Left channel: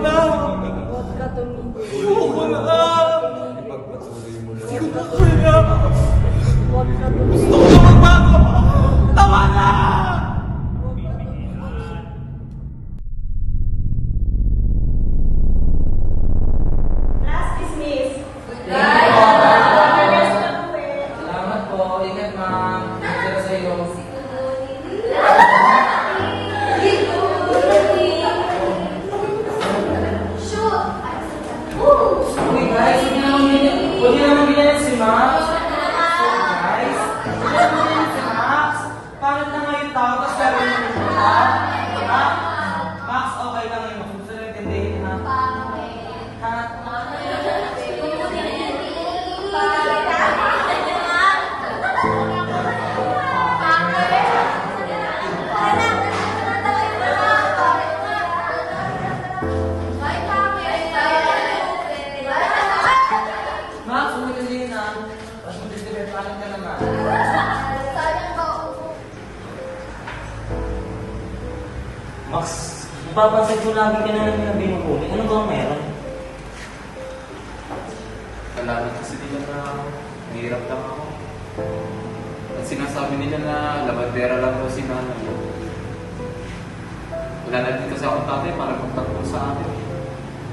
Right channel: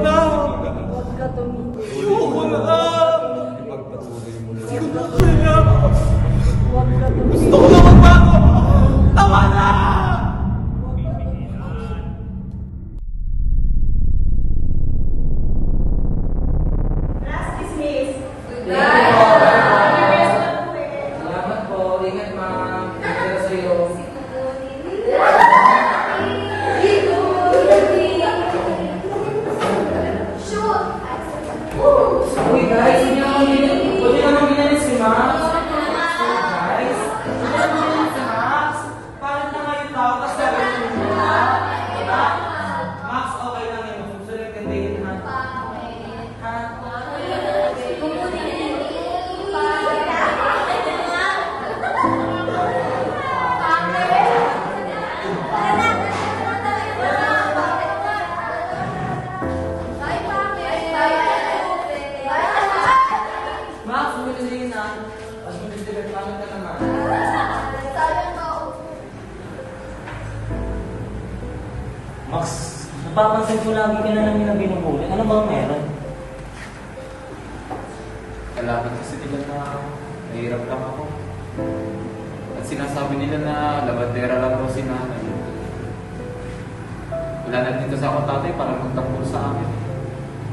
na! Huwag ka tumigil. Ayoko na! Ipagpatuloy mo na. Hindi ko na kaya! Huwag ka tumigil. Gusto ko na magbago! Tama na! Class dismissed. Salamat po. Ingat, ma'am. Ingat sa'yo. Uy, guys, pwede naman bilhin si Max. Guys, pwede naman bilhin si Max. Bakit na ngayon tao? Tapos gagawin mo ba? Ha? Max, okay lang yun. Susunod ka din, ha? Ha? Max, umitin din, ha? Tapos mag-deliver ka naman. Max, napapansin ko lagi ka na namin na binubuli. Ano bang meron? Salamat kasi nila na nahihirap lang ako. At sinasabi nila na labandera lang ako si nanay. Wala na din kasi akong tatay para magtanggol sa akin.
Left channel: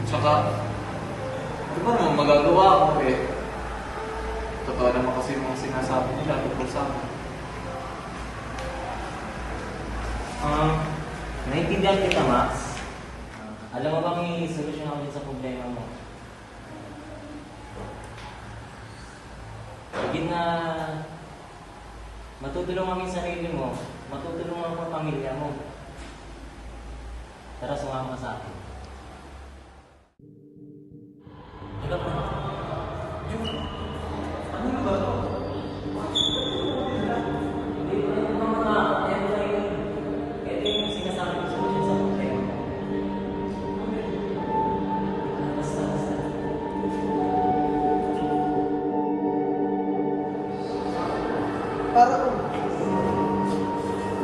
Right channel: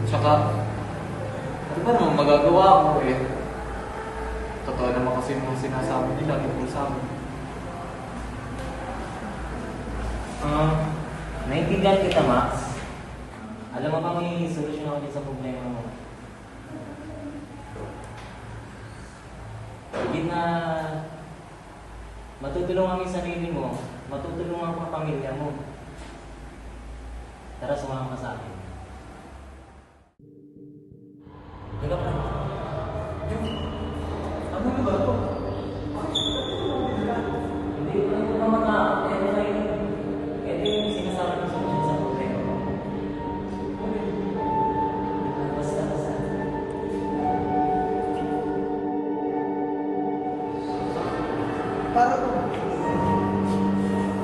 Tsaka, ano ba naman magagawa ko eh? Totoo naman kasi yung mga sinasabi nila tungkol sa akin. Naiintindihan kita, Max. Alam mo ba may solusyon ako dyan sa problema mo? Higit na matutulungan yung sarili mo, matutulungan ko ang pamilya mo. Tara, sumama ka sa akin. Teka pa. Ano na ba ito? Hindi ko na makakaya mo tayo. Ito yung sinasabi ko solusyon sa problema mo. Basta. Para to.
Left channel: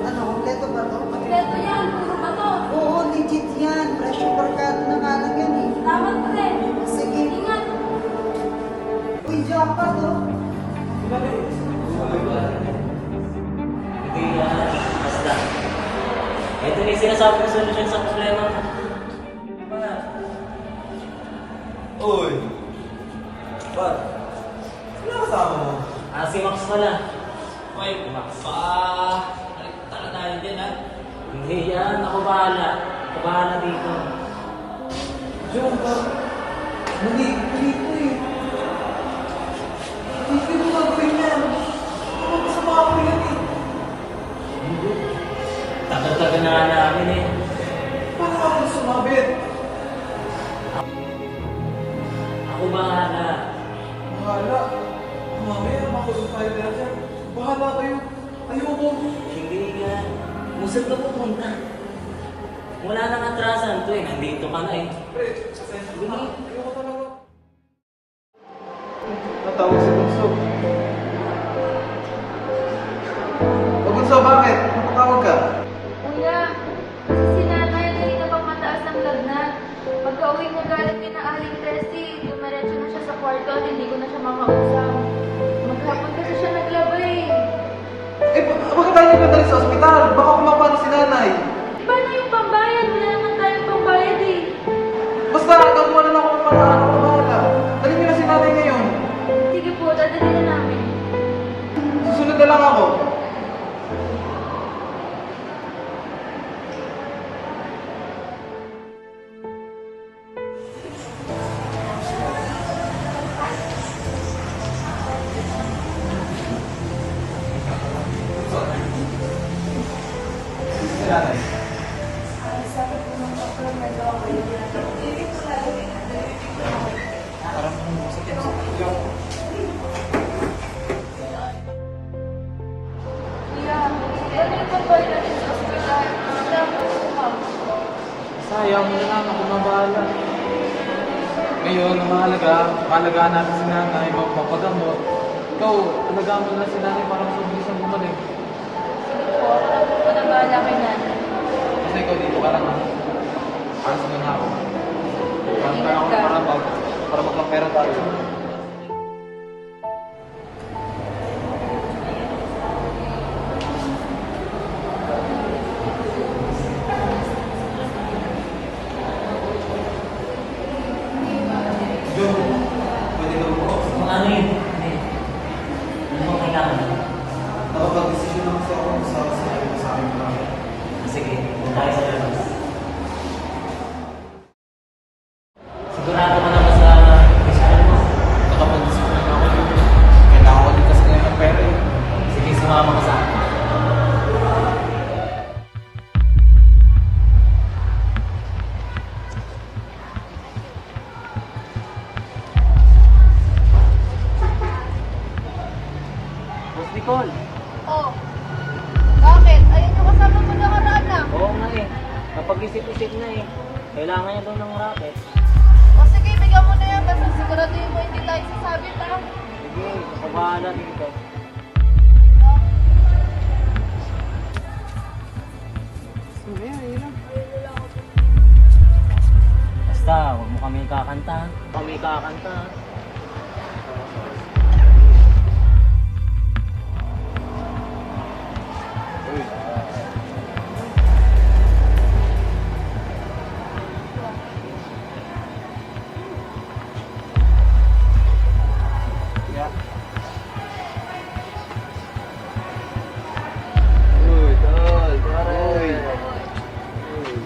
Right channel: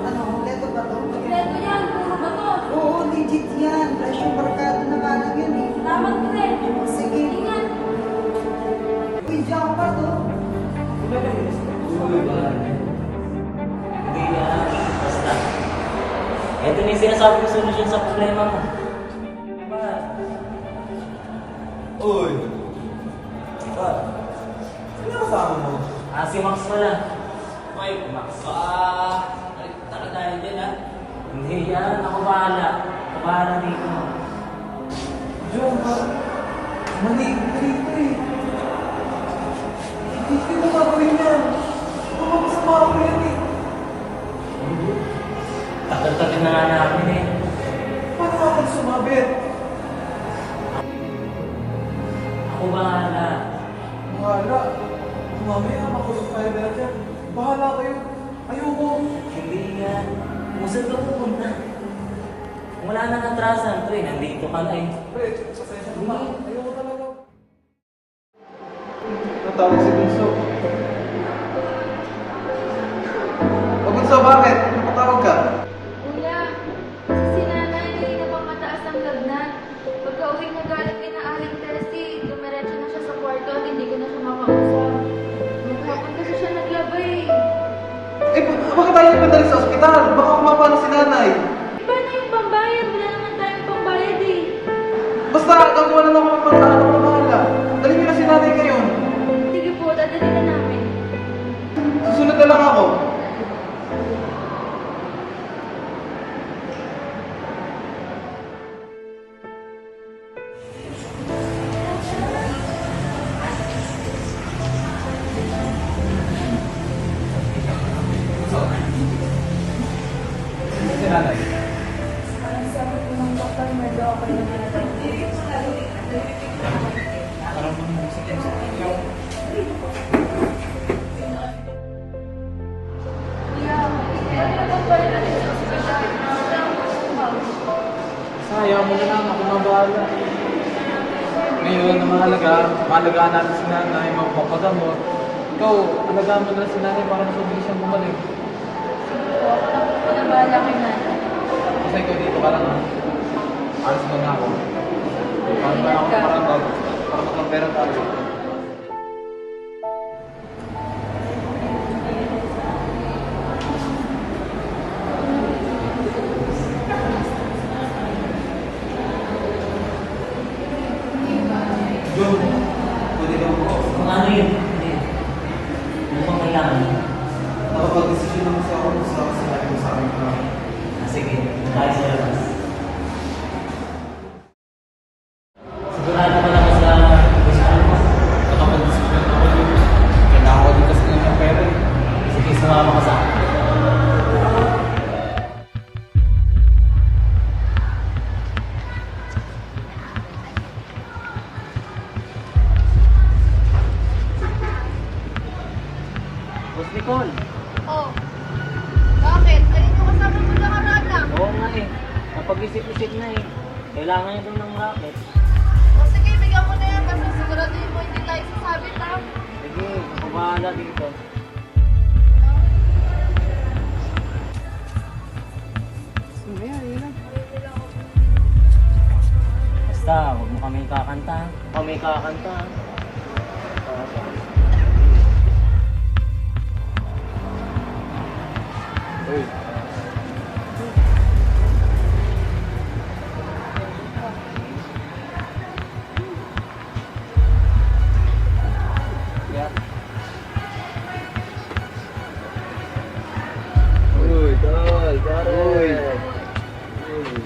Ano, kompleto ba to? Kompleto yan, puro ba to? Oo, legit yan. Presyo barkada na kanan yan eh. Tama ko rin. Sige. Ingat. Uy, diyan pa to. Hindi, basta. Ito na yung sinasabi ko solusyon sa problema mo. Diba? Uy! Ba? Sino kasama mo? Si Max pala. Uy, Max. baka nakikita ka tayo din, ha? Hindi yan, ako bahala. Ako bahala dito. Joe, ba? Mali ko eh. Hindi ko gagawin yan. Ano masama ako yan eh. Tagal-tagal na nga namin eh. Paano ako sumabit? Ako bahala. Bahala. Mamaya makulong tayo dahil. Bahala kayo. Ayoko. Hindi yan. Musad ka pupunta. Wala nang atrasan to eh. Nandito ka na eh. Pre, pasensya Hindi. na. Ayoko talaga. Natawag si Bunso. O Bunso, bakit? Napatawag ka? Kuya, si nanay kanina pang mataas ang lagnat. Pagka-uwi niya galing din na aling testy, dumiretso na siya sa kwarto at hindi ko na siya makausap. Maghapon kasi siya naglabay. Eh, bakit tayo nagpadali sa ospital? Baka kumapano si nanay. Paano yung pambayad? Wala naman tayong pambayad eh. Basta, gagawa na lang ako ng paraan. Ako na bahala. Dalhin niyo na si nanay ngayon. Sige po, dadali na namin. Susunod na lang ako. Si nanay. Sabi po ng doktor na okay naman na daw. Yeah, ba't niyo pang balik natin sa ospital? Sabi ko, ma'am. Sayang mo na lang, ako na bahala. Ngayon, ang mahalaga natin si nanay, mapagamot. Ikaw, alagaan mo na lang si nanay para mas mabilis siyang gumaling. Sige po, ako na bahala kay nanay. Basta ikaw dito ka lang ha. Alas mo na ako. Kanta ako Ingat ka. para magkampera tayo. John, pwede ka mo po. Kung ano yun, hindi. Ano bang kailangan? Nakapag-desisyon naman siya ako sa sinabi mo sa akin. Sige, tayo sa labas. Sigurado ko naman sa gusto mo. Nakapag-desisyon ako dito. Kailangan ko din kasi ngayon ng pera eh. Sige, sumama ka sa akin. Boss Nicole. Oh. Bakit? Ayun yung kasama mo nakaraan na. Oo nga eh. Napag-isip-isip na eh. Kailangan niya daw ng racket. O sige, bigyan mo na yan. Basta siguraduhin mo hindi tayo sasabit ha. Sige, ako bahala dito. Basta, huwag mo kami kakanta. Huwag kami kakanta. Uy. Yeah. Uy, tol, pare. Uy.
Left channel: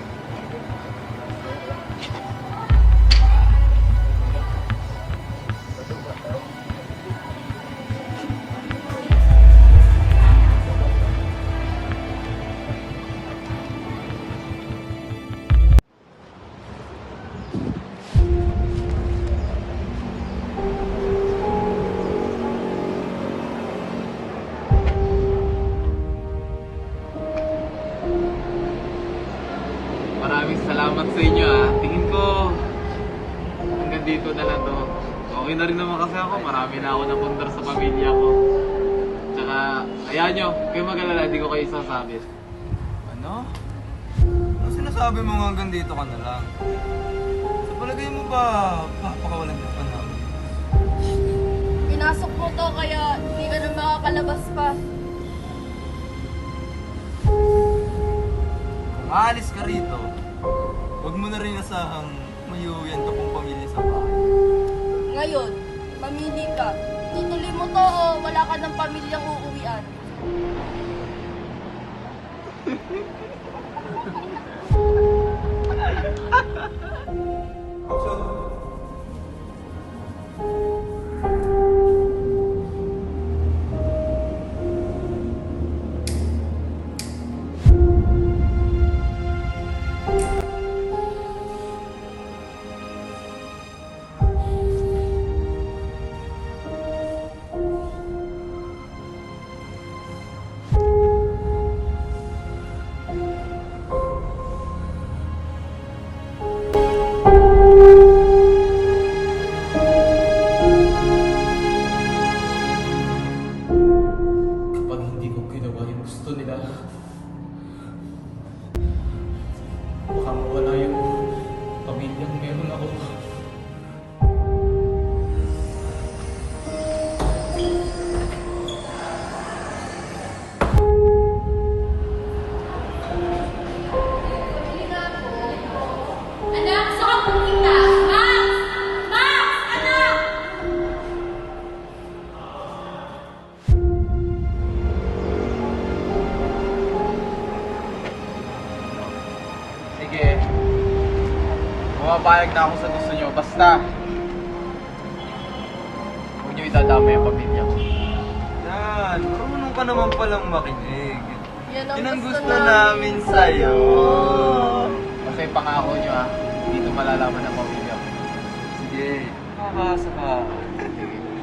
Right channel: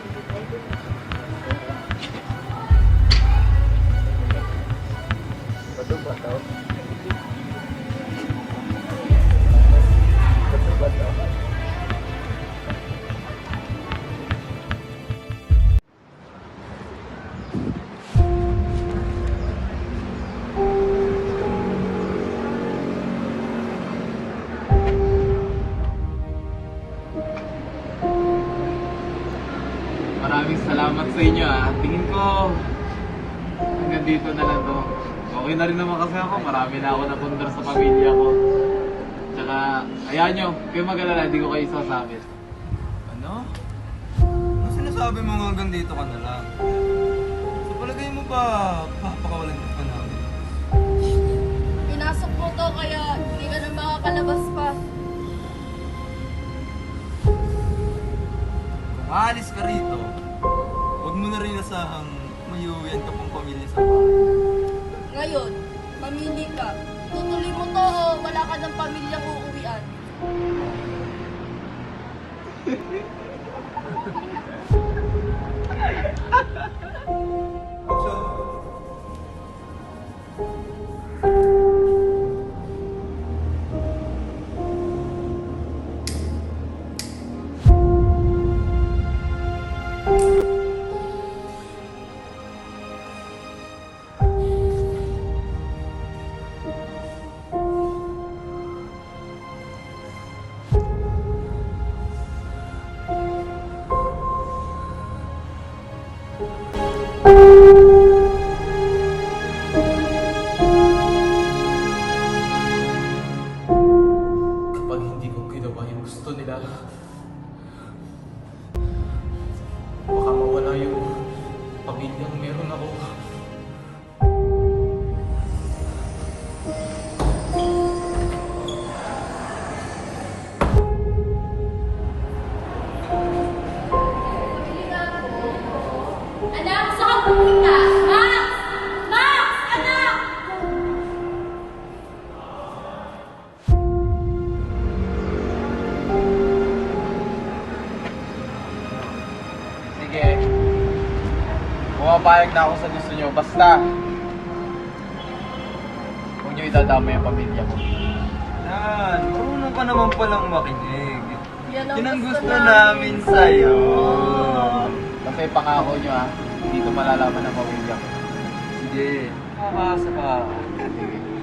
Maraming salamat sa inyo ah. Tingin ko hanggang dito na lang to. Okay na rin naman kasi ako. Marami na ako napundar sa pamilya ko. Tsaka, ayan nyo, kayo mag-alala, hindi ko kayo isasabit. Ano? Ano sinasabi mo hanggang dito ka na lang? Sa palagay mo ba, papakawalan ka pa namin? Pinasok mo to kaya hindi ka na makakalabas pa. Kung aalis ka rito, huwag mo na rin asahang mayuwian ka pang pamilya sa bahay. Ngayon, mamili ka. Tutuloy mo to o wala ka ng pamilyang uuwian? Kapag hindi ko ginawa yung gusto nila, baka mawala yung pamilyang meron ako. Anak, saan ka pupunta? Max! Max! Anak! Sige. Pumapayag na ako sa gusto nyo. Basta, huwag nyo idadama yung pamilya ko. Yan, marunong ka naman palang makinig. Yan ang Yan ang gusto gusto namin sa'yo. Basta yung pangako nyo ha, hindi ito malalaman ng pamilya ko. Sige, makakasa ka. Sige.